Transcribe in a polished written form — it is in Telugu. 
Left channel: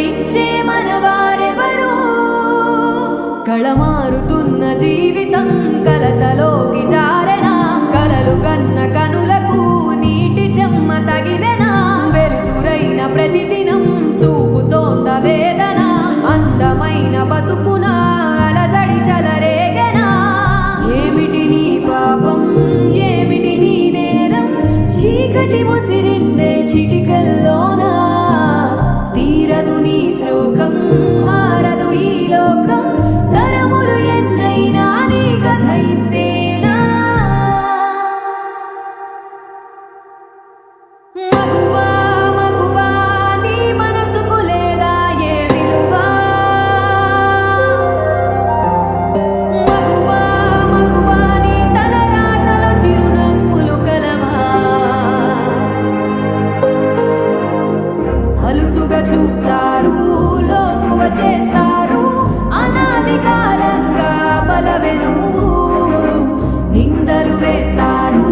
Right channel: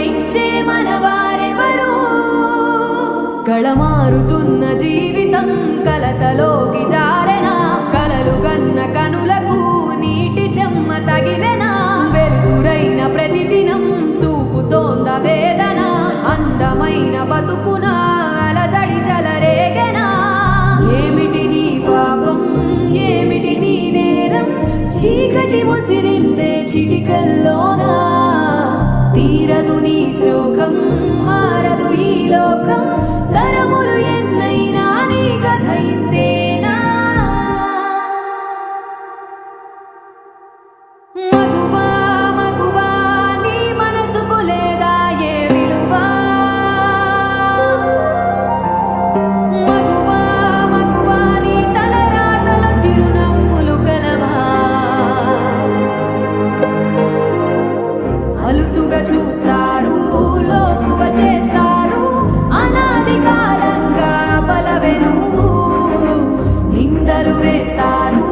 ఓరించే మనవారెవరు? కళమారుతున్న జీవితం కలతలోకి జారెనా, కలలు గన్న కనులకు నీటి చెమ్మ తగిలెనా, వెలుతురైన ప్రతిదినం చూపుతోంద వేదన, అందమైన బతుకున అలజడి చలరేగెనా. ఏమిటి నీ పాపం, ఏమిటి నీ నేరం, చీకటి ముసిరిందే చిటికల్లోనా, తీరదు నీ శోకం, మారదు ఈ లోకం, తరములు ఎన్నైనా నీ కథ ఇంతేనా. మగువా మగువా నీ మనసుకు లేదా ఏ విలువా, మగువా మగువా నీ తలరాతలో చిరునవ్వులు కలవా, అలుసుగా చూస్తారు, లోకువ చేస్తారు, అనాది కాలంగా బలవే నువ్వు, నిందలు వేస్తారు,